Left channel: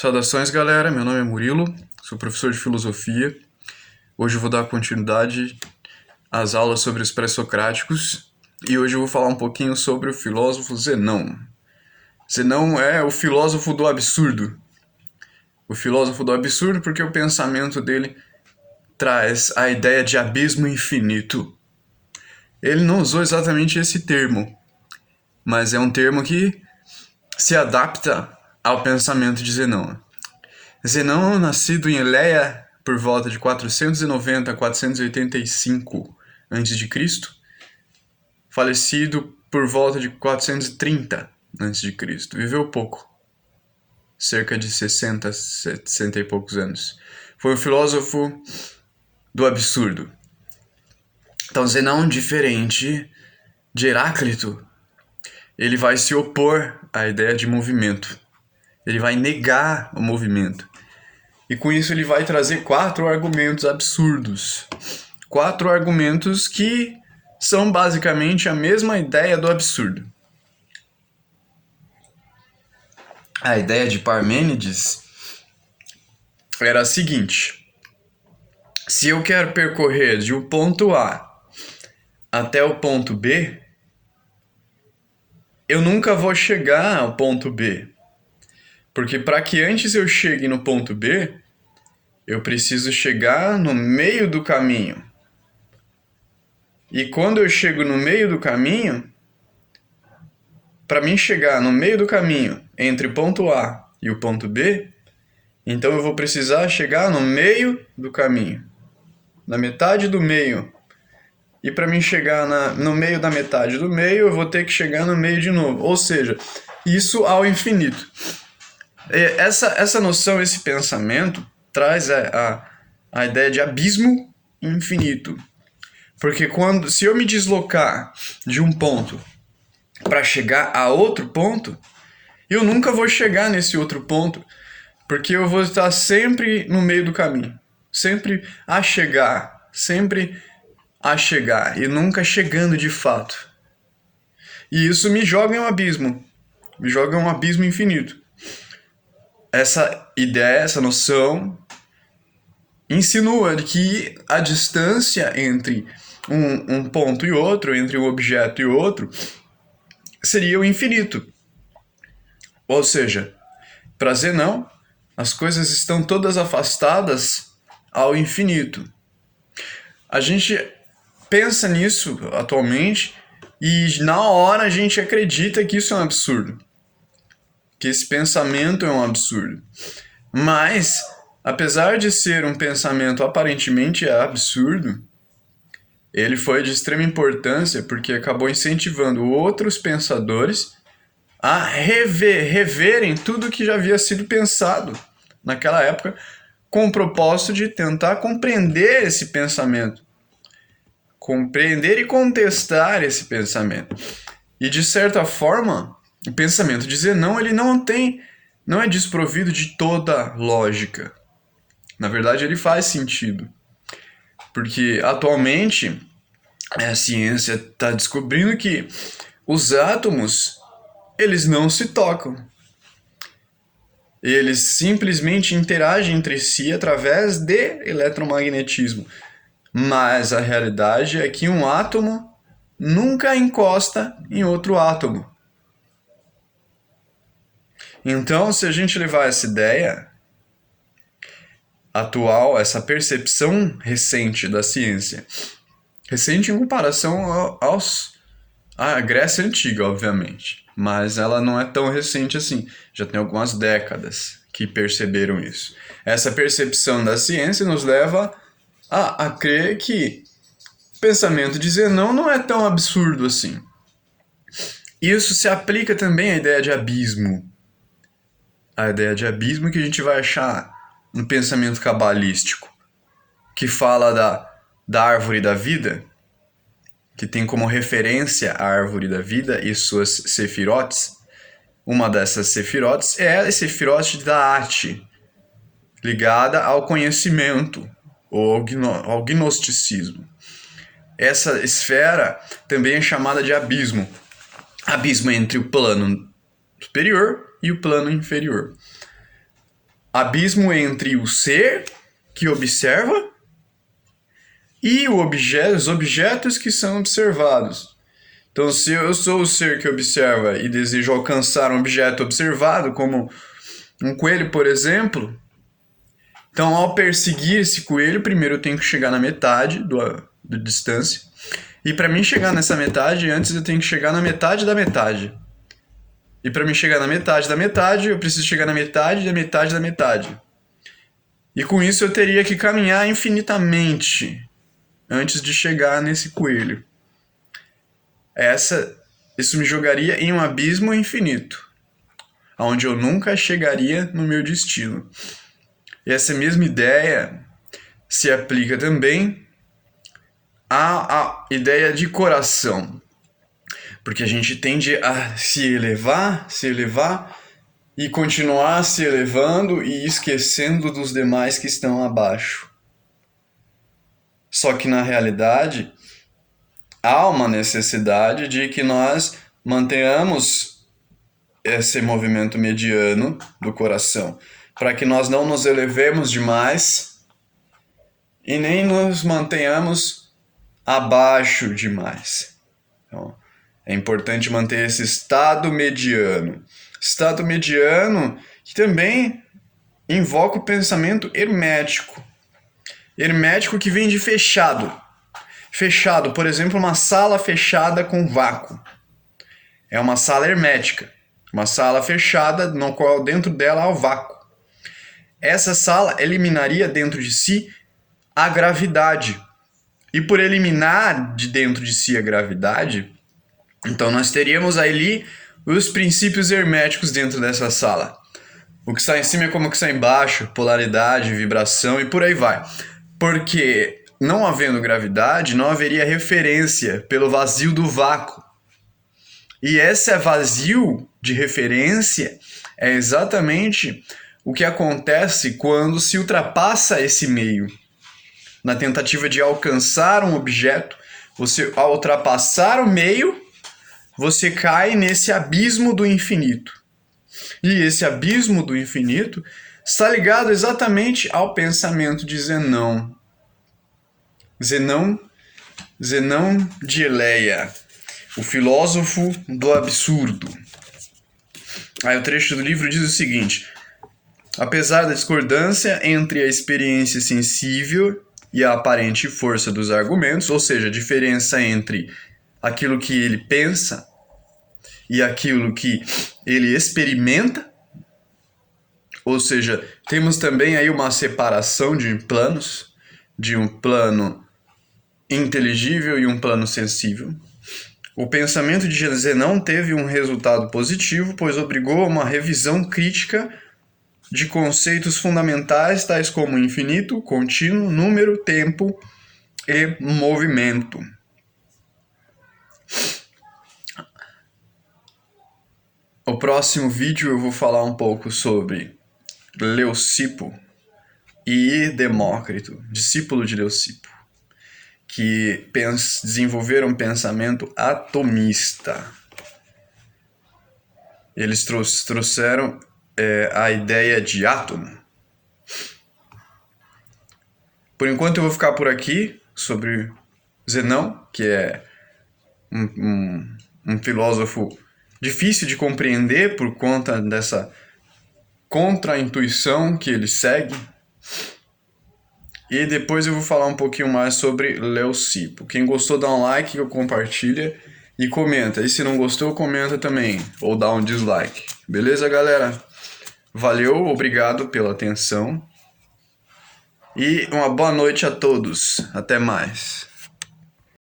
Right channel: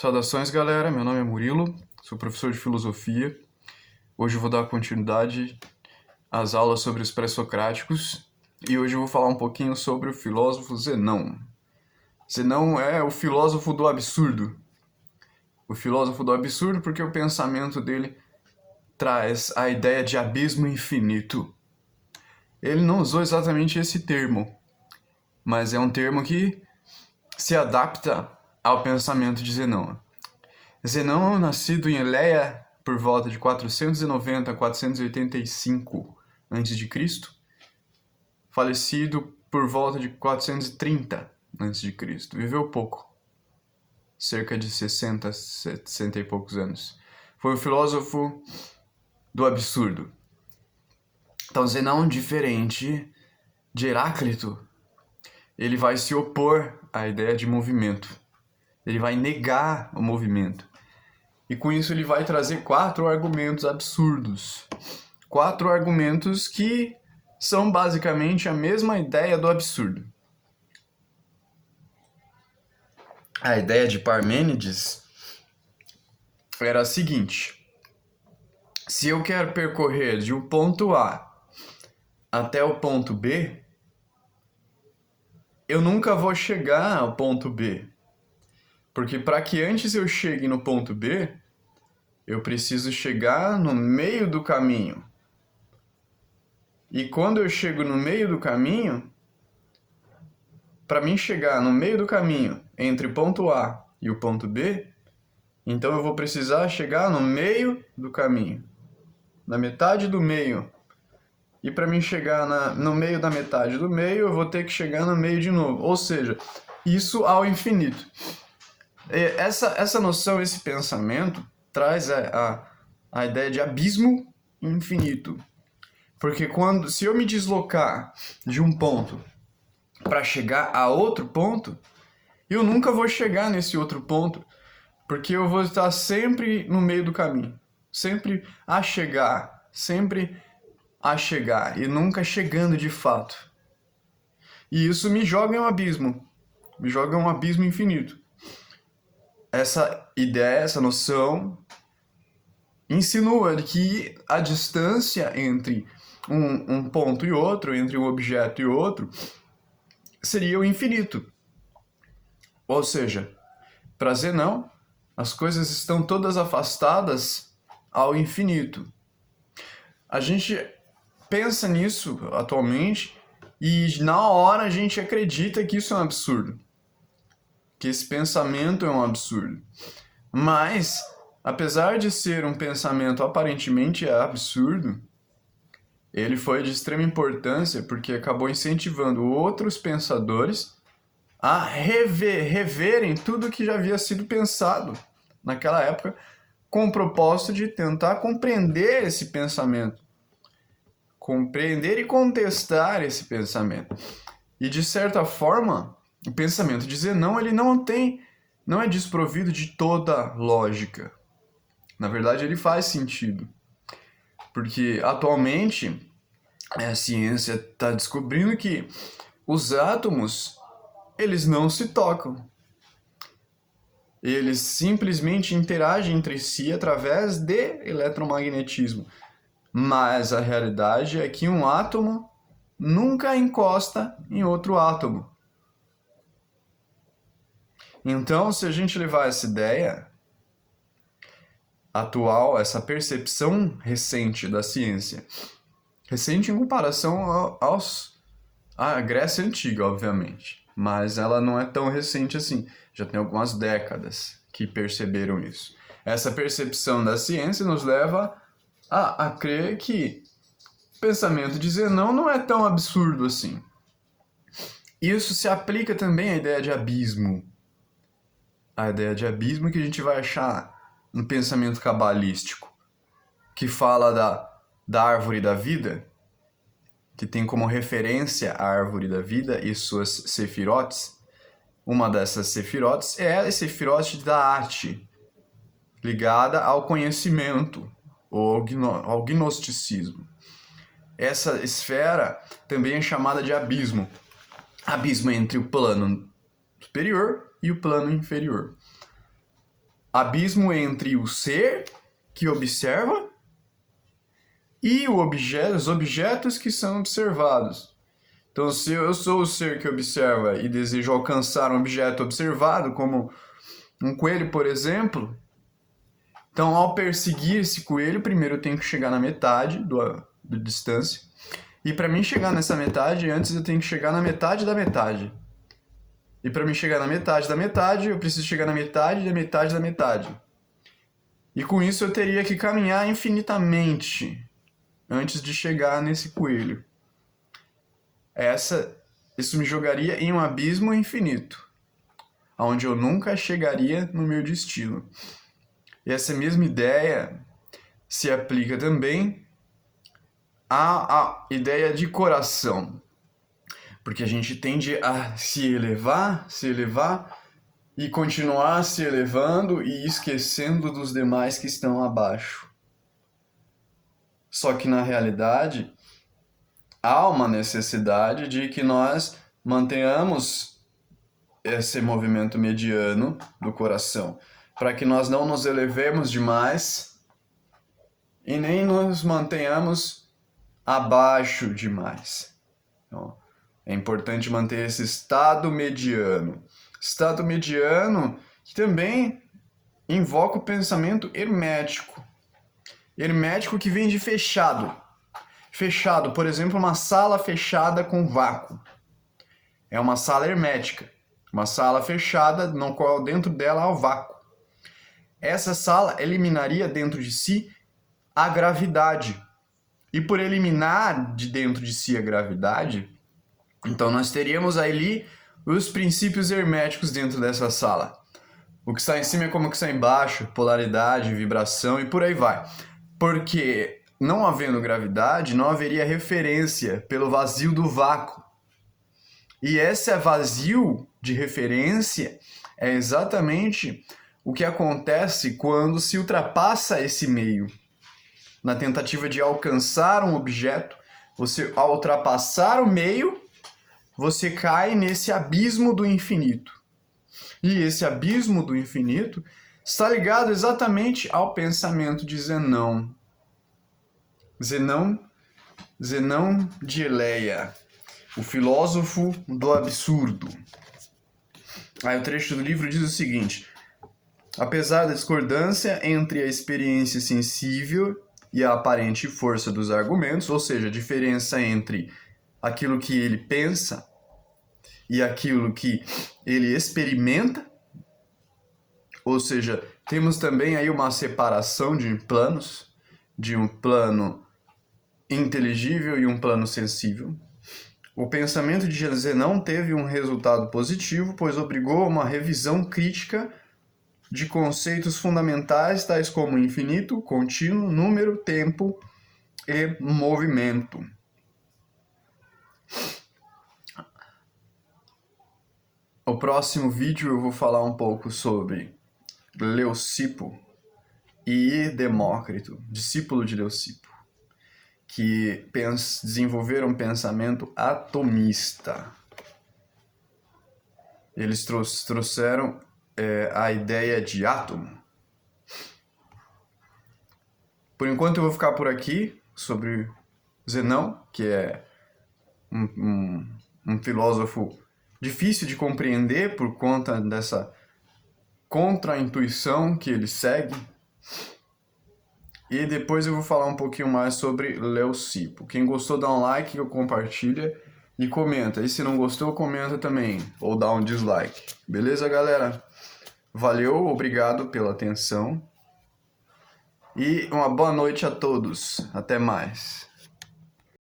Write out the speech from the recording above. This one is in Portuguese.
Saudações, galera. Meu nome é Murilo, sou professor de filosofia. Hoje eu vou dar continuidade às aulas sobre os pré-socráticos e hoje eu vou falar um pouquinho sobre o filósofo Zenão. Zenão é o filósofo do absurdo. O filósofo do absurdo porque o pensamento dele traz a ideia de abismo infinito. Ele não usou exatamente esse termo, mas é um termo que se adapta ao pensamento de Zenão. Zenão, nascido em Eleia por volta de 490 a 485 a.C., falecido por volta de 430 a.C., viveu pouco, cerca de 60 e poucos anos. Foi um filósofo do absurdo. Então, Zenão, diferente de Heráclito, ele vai se opor à ideia de movimento. Ele vai negar o movimento. E com isso ele vai trazer 4 argumentos absurdos. 4 argumentos que são basicamente a mesma ideia do absurdo. A ideia de Parmênides era a seguinte: se eu quero percorrer de um ponto A até o ponto B, eu nunca vou chegar ao ponto B. Porque para que antes eu chegue no ponto B, eu preciso chegar no meio do caminho. E quando eu chego no meio do caminho, para mim chegar no meio do caminho entre o ponto A e o ponto B, então eu vou precisar chegar no meio do caminho, na metade do meio. E para mim chegar no meio da metade do meio, eu vou ter que chegar no meio de novo. Ou seja, isso ao infinito. Essa noção, esse pensamento, traz a ideia de abismo infinito. Porque se eu me deslocar de um ponto para chegar a outro ponto, eu nunca vou chegar nesse outro ponto, porque eu vou estar sempre no meio do caminho, sempre a chegar e nunca chegando de fato. E isso me joga em um abismo infinito. Essa ideia, essa noção insinua que a distância entre um ponto e outro, entre um objeto e outro, seria o infinito. Ou seja, para Zenão, as coisas estão todas afastadas ao infinito. A gente pensa nisso atualmente e na hora a gente acredita que isso é um absurdo, que esse pensamento é um absurdo. Mas, apesar de ser um pensamento aparentemente absurdo, ele foi de extrema importância porque acabou incentivando outros pensadores a reverem tudo que já havia sido pensado naquela época, com o propósito de tentar compreender esse pensamento, compreender e contestar esse pensamento. E de certa forma, o pensamento de Zenão, ele não é desprovido de toda lógica. Na verdade, ele faz sentido. Porque atualmente a ciência está descobrindo que os átomos, eles não se tocam. Eles simplesmente interagem entre si através de eletromagnetismo. Mas a realidade é que um átomo nunca encosta em outro átomo. Então, se a gente levar essa ideia atual, essa percepção recente da ciência, recente em comparação à Grécia Antiga, obviamente, mas ela não é tão recente assim, já tem algumas décadas que perceberam isso. Essa percepção da ciência nos leva a crer que o pensamento de Zenão não é tão absurdo assim. Isso se aplica também à ideia de abismo. A ideia de abismo que a gente vai achar no pensamento cabalístico, que fala da árvore da vida, que tem como referência a árvore da vida e suas sefirotes. Uma dessas sefirotes é a sefirote da arte, ligada ao conhecimento ou ao gnosticismo. Essa esfera também é chamada de abismo. Abismo entre o plano superior e o plano inferior. abismo entre o ser que observa e os objetos que são observados. Então, se eu sou o ser que observa e desejo alcançar um objeto observado, como um coelho, por exemplo, então, ao perseguir esse coelho, primeiro eu tenho que chegar na metade da distância. E para mim chegar nessa metade, antes eu tenho que chegar na metade da metade. E para mim chegar na metade da metade, eu preciso chegar na metade da metade da metade. E com isso eu teria que caminhar infinitamente antes de chegar nesse coelho. Isso me jogaria em um abismo infinito, onde eu nunca chegaria no meu destino. E essa mesma ideia se aplica também à ideia de coração. Porque a gente tende a se elevar e continuar se elevando e esquecendo dos demais que estão abaixo. Só que na realidade, há uma necessidade de que nós mantenhamos esse movimento mediano do coração, para que nós não nos elevemos demais e nem nos mantenhamos abaixo demais. Então, é importante manter esse estado mediano. Estado mediano que também invoca o pensamento hermético. Hermético que vem de fechado. Fechado, por exemplo, uma sala fechada com vácuo. É uma sala hermética. Uma sala fechada, no qual dentro dela há o vácuo. Essa sala eliminaria dentro de si a gravidade. E por eliminar de dentro de si a gravidade, então nós teríamos ali os princípios herméticos dentro dessa sala. O que está em cima é como o que está embaixo, polaridade, vibração e por aí vai. Porque não havendo gravidade, não haveria referência pelo vazio do vácuo. E esse vazio de referência é exatamente o que acontece quando se ultrapassa esse meio. Na tentativa de alcançar um objeto, você, ao ultrapassar o meio, você cai nesse abismo do infinito. E esse abismo do infinito está ligado exatamente ao pensamento de Zenão. Zenão de Eleia, o filósofo do absurdo. Aí o trecho do livro diz o seguinte: apesar da discordância entre a experiência sensível e a aparente força dos argumentos, ou seja, a diferença entre aquilo que ele pensa e aquilo que ele experimenta, ou seja, temos também aí uma separação de planos, de um plano inteligível e um plano sensível. O pensamento de Zenão teve um resultado positivo, pois obrigou a uma revisão crítica de conceitos fundamentais tais como infinito, contínuo, número, tempo e movimento. No próximo vídeo eu vou falar um pouco sobre Leucipo e Demócrito, discípulo de Leucipo, que desenvolveram um pensamento atomista. Eles trouxeram a ideia de átomo. Por enquanto eu vou ficar por aqui sobre Zenão, que é um filósofo difícil de compreender por conta dessa contra-intuição que ele segue. E depois eu vou falar um pouquinho mais sobre Leucipo. Quem gostou, dá um like, compartilha e comenta. E se não gostou, comenta também, ou dá um dislike. Beleza, galera? Valeu, obrigado pela atenção. E uma boa noite a todos. Até mais.